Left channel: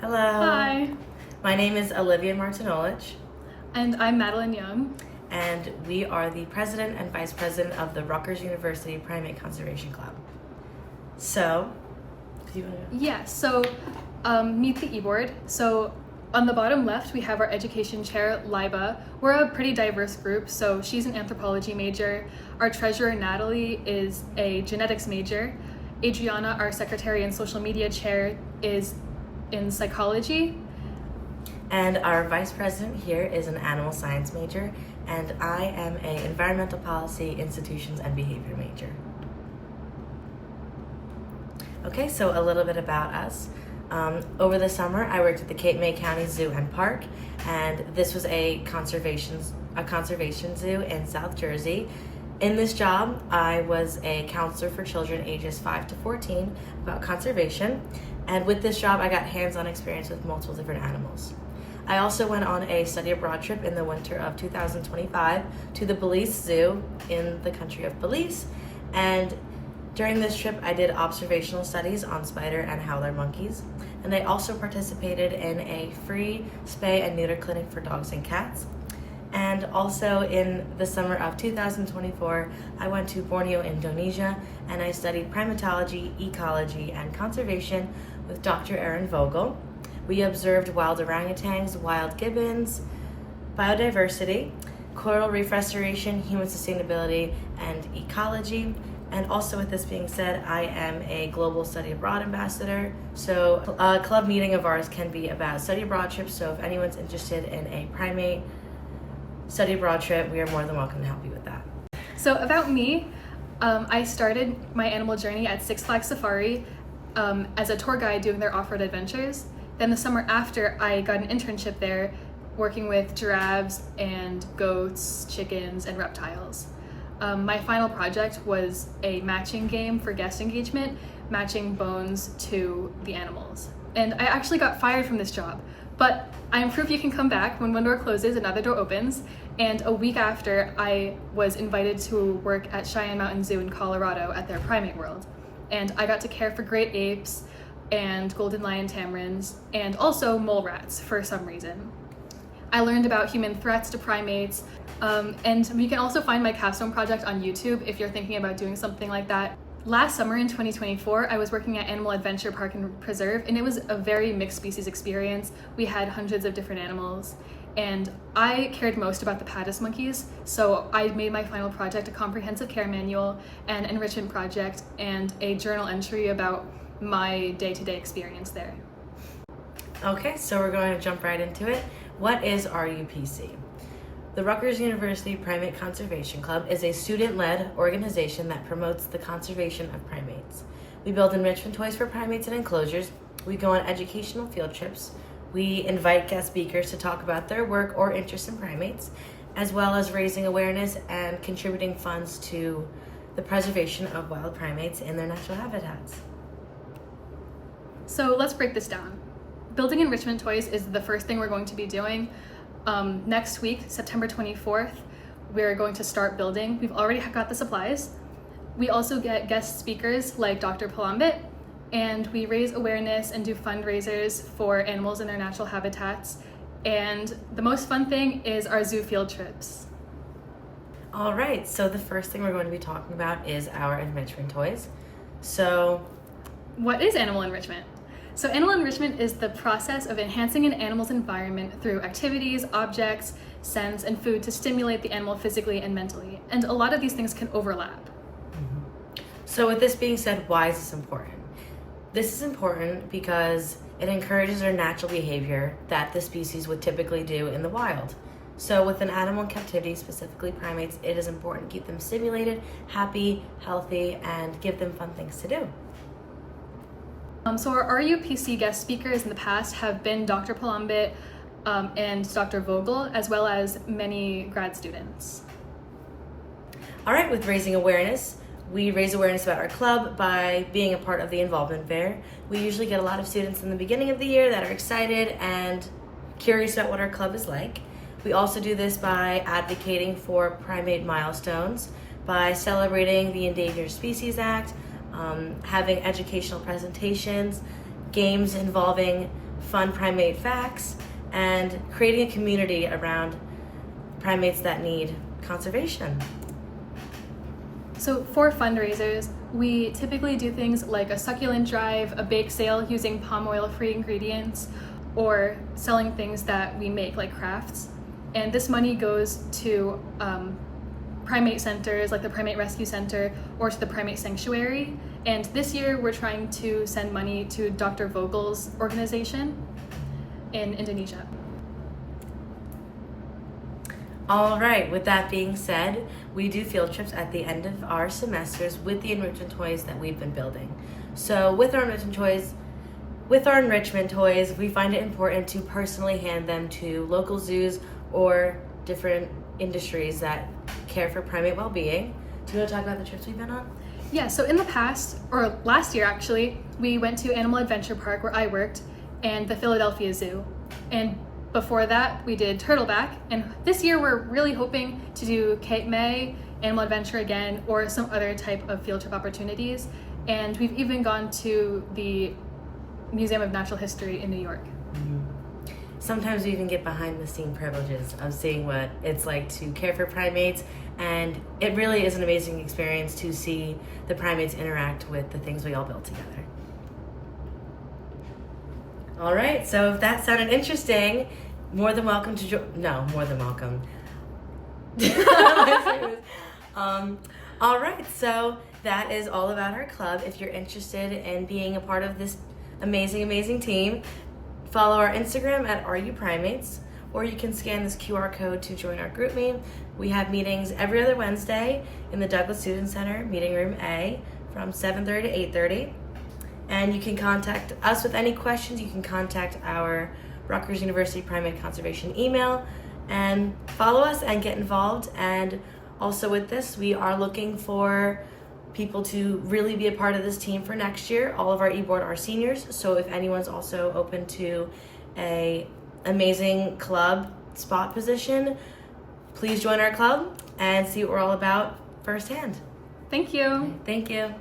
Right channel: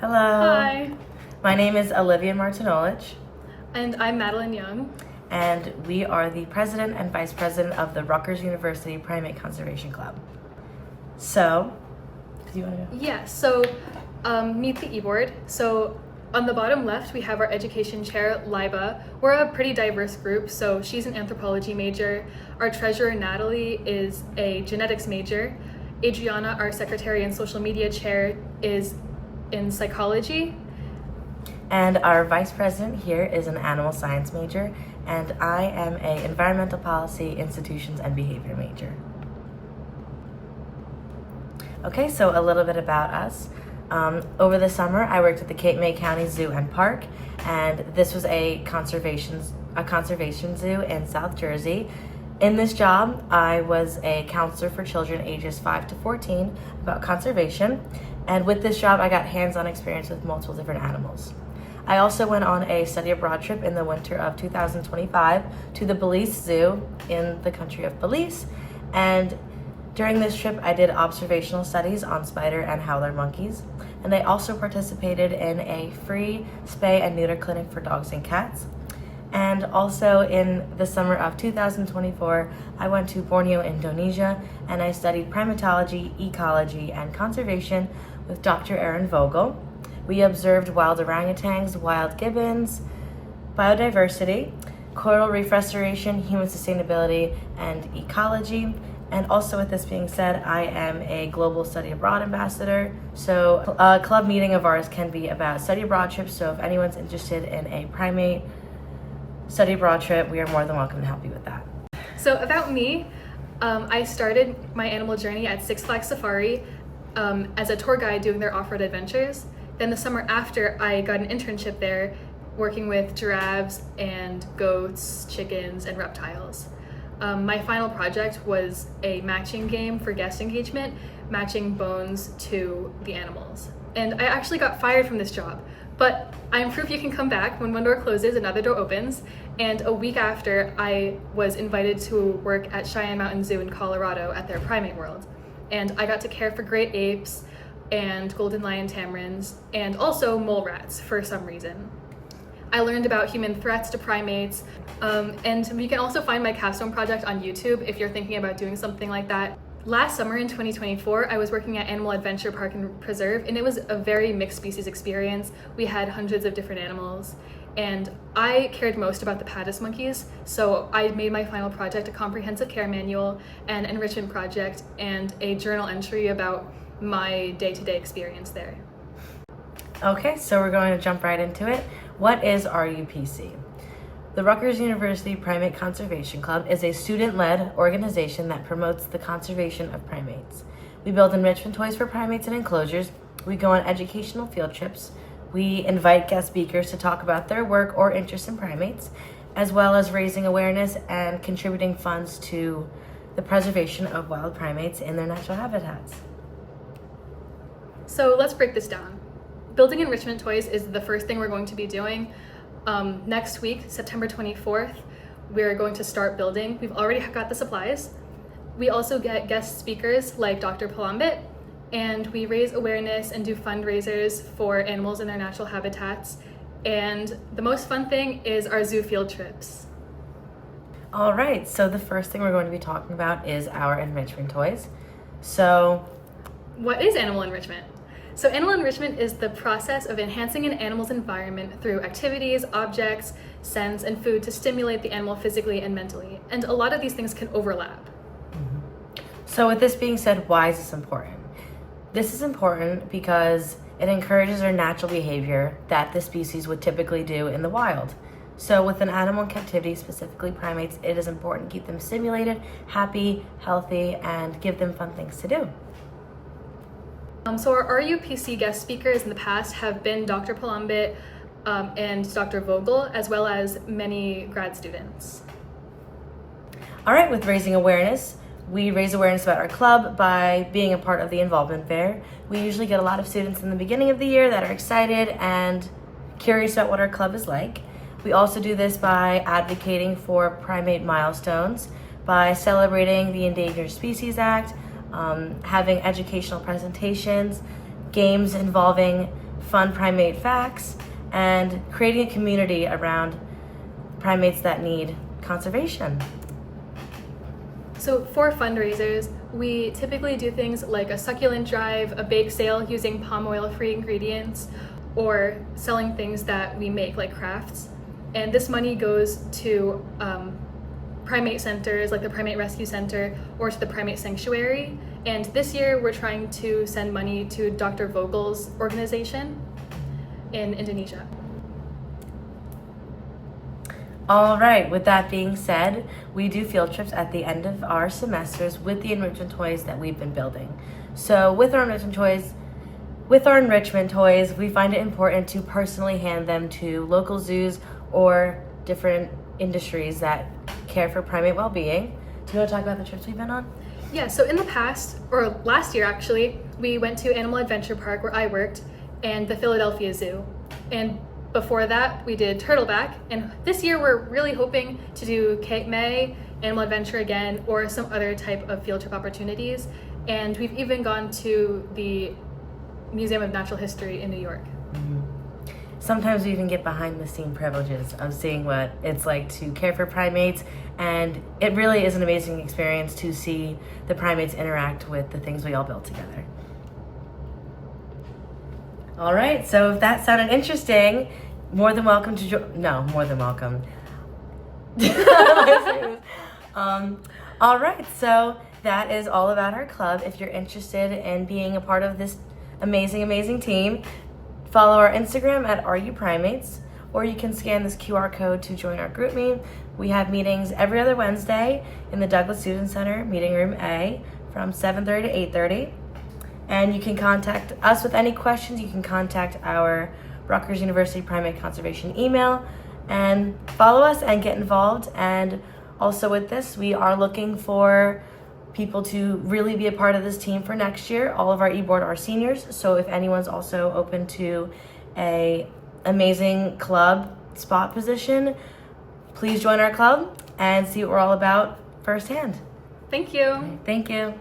Hello. Hi. My name is Olivia Martinolich, And I'm Madeline Young. and we are the president and vice president of the Rutgers University Primate Conservation Club. So, do you want to? Yeah, so meet the e-board. So on the bottom left, we have our education chair, Liba. We're a pretty diverse group, so she's an anthropology major. Our treasurer, Natalie, is a genetics major. Adriana, our secretary and social media chair, is in psychology. And our vice president here is an animal science major, and I am a environmental policy, institutions, and behavior major. Okay, so a little bit about us. Over the summer, I worked at the Cape May County Zoo and Park, and this was a conservation zoo in South Jersey. In this job, I was a counselor for children ages 5 to 14 about conservation, and with this job, I got hands-on experience with multiple different animals. I also went on a study abroad trip in the winter of 2025 to the Belize Zoo in the country of Belize, and during this trip, I did observational studies on spider and howler monkeys, and I also participated in a free spay and neuter clinic for dogs and cats. And also in the summer of 2024, I went to Borneo, Indonesia, and I studied primatology, ecology, and conservation with Dr. Erin Vogel. We observed wild orangutans, wild gibbons, biodiversity, coral reef restoration, human sustainability, and ecology. And also, with this being said, I am a global study abroad ambassador. So a club meeting of ours can be about study abroad trips. So if anyone's interested in a primate study abroad trip, we are more than welcome to help you with that. So about me, I started my animal journey at Six Flags Safari as a tour guide doing their off-road adventures. Then the summer after, I got an internship there working with giraffes and goats, chickens, and reptiles. My final project was a matching game for guest engagement, matching bones to the animals. And I actually got fired from this job, but I am proof you can come back. When one door closes, another door opens. And a week after, I was invited to work at Cheyenne Mountain Zoo in Colorado at their primate world. And I got to care for great apes and golden lion tamarins, and also mole rats for some reason. I learned about human threats to primates, and you can also find my capstone project on YouTube if you're thinking about doing something like that. Last summer in 2024, I was working at Animal Adventure Park and Preserve, and it was a very mixed species experience. We had hundreds of different animals, and I cared most about the Paddis monkeys, so I made my final project a comprehensive care manual, an enrichment project, and a journal entry about my day-to-day experience there. Okay, so we're going to jump right into it. What is RUPC? The Rutgers University Primate Conservation Club is a student-led organization that promotes the conservation of primates. We build enrichment toys for primates in enclosures. We go on educational field trips. We invite guest speakers to talk about their work or interest in primates, as well as raising awareness and contributing funds to the preservation of wild primates in their natural habitats. So let's break this down. Building enrichment toys is the first thing we're going to be doing. Next week, September 24th, we're going to start building. We've already got the supplies. We also get guest speakers like Dr. Palambit, and we raise awareness and do fundraisers for animals in their natural habitats. And the most fun thing is our zoo field trips. All right, so the first thing we're going to be talking about is our enrichment toys. So, what is animal enrichment? So animal enrichment is the process of enhancing an animal's environment through activities, objects, scents, and food to stimulate the animal physically and mentally. And a lot of these things can overlap. So with this being said, why is this important? This is important because it encourages our natural behavior that the species would typically do in the wild. So with an animal in captivity, specifically primates, it is important to keep them stimulated, happy, healthy, and give them fun things to do. So our RUPC guest speakers in the past have been Dr. Palambit and Dr. Vogel, as well as many grad students. All right, with raising awareness, we raise awareness about our club by being a part of the involvement fair. We usually get a lot of students in the beginning of the year that are excited and curious about what our club is like. We also do this by advocating for primate milestones, by celebrating the Endangered Species Act, having educational presentations, games involving fun primate facts, and creating a community around primates that need conservation. So for fundraisers, we typically do things like a succulent drive, a bake sale using palm oil-free ingredients, or selling things that we make like crafts. And this money goes to primate centers like the Primate Rescue Center or to the Primate Sanctuary. And this year we're trying to send money to Dr. Vogel's organization in Indonesia. All right, with that being said, we do field trips at the end of our semesters with the enrichment toys that we've been building. So with our enrichment toys, we find it important to personally hand them to local zoos or different industries that care for primate well-being. Do you want to talk about the trips we've been on? Yeah, so in the past, or last year actually, we went to Animal Adventure Park where I worked and the Philadelphia Zoo. And before that, we did Turtleback, and this year we're really hoping to do Cape May, Animal Adventure again, or some other type of field trip opportunities. And we've even gone to the Museum of Natural History in New York. Mm-hmm. Sometimes we even get behind the scene privileges of seeing what it's like to care for primates, and it really is an amazing experience to see the primates interact with the things we all built together. All right, so if that sounded interesting, more than welcome to more than welcome. All right, so that is all about our club. If you're interested in being a part of this amazing team, follow our Instagram at RUPrimates, or you can scan this QR code to join our group meet. We have meetings every other Wednesday in the Douglas Student Center, meeting room A, from 7:30 to 8:30. And you can contact us with any questions. You can contact our Rutgers University Primate Conservation email and follow us and get involved. And also with this, we are looking for people to really be a part of this team for next year. All of our e-board are seniors, so if anyone's also open to a amazing club spot position, please join our club and see what we're all about firsthand. Thank you. Thank you.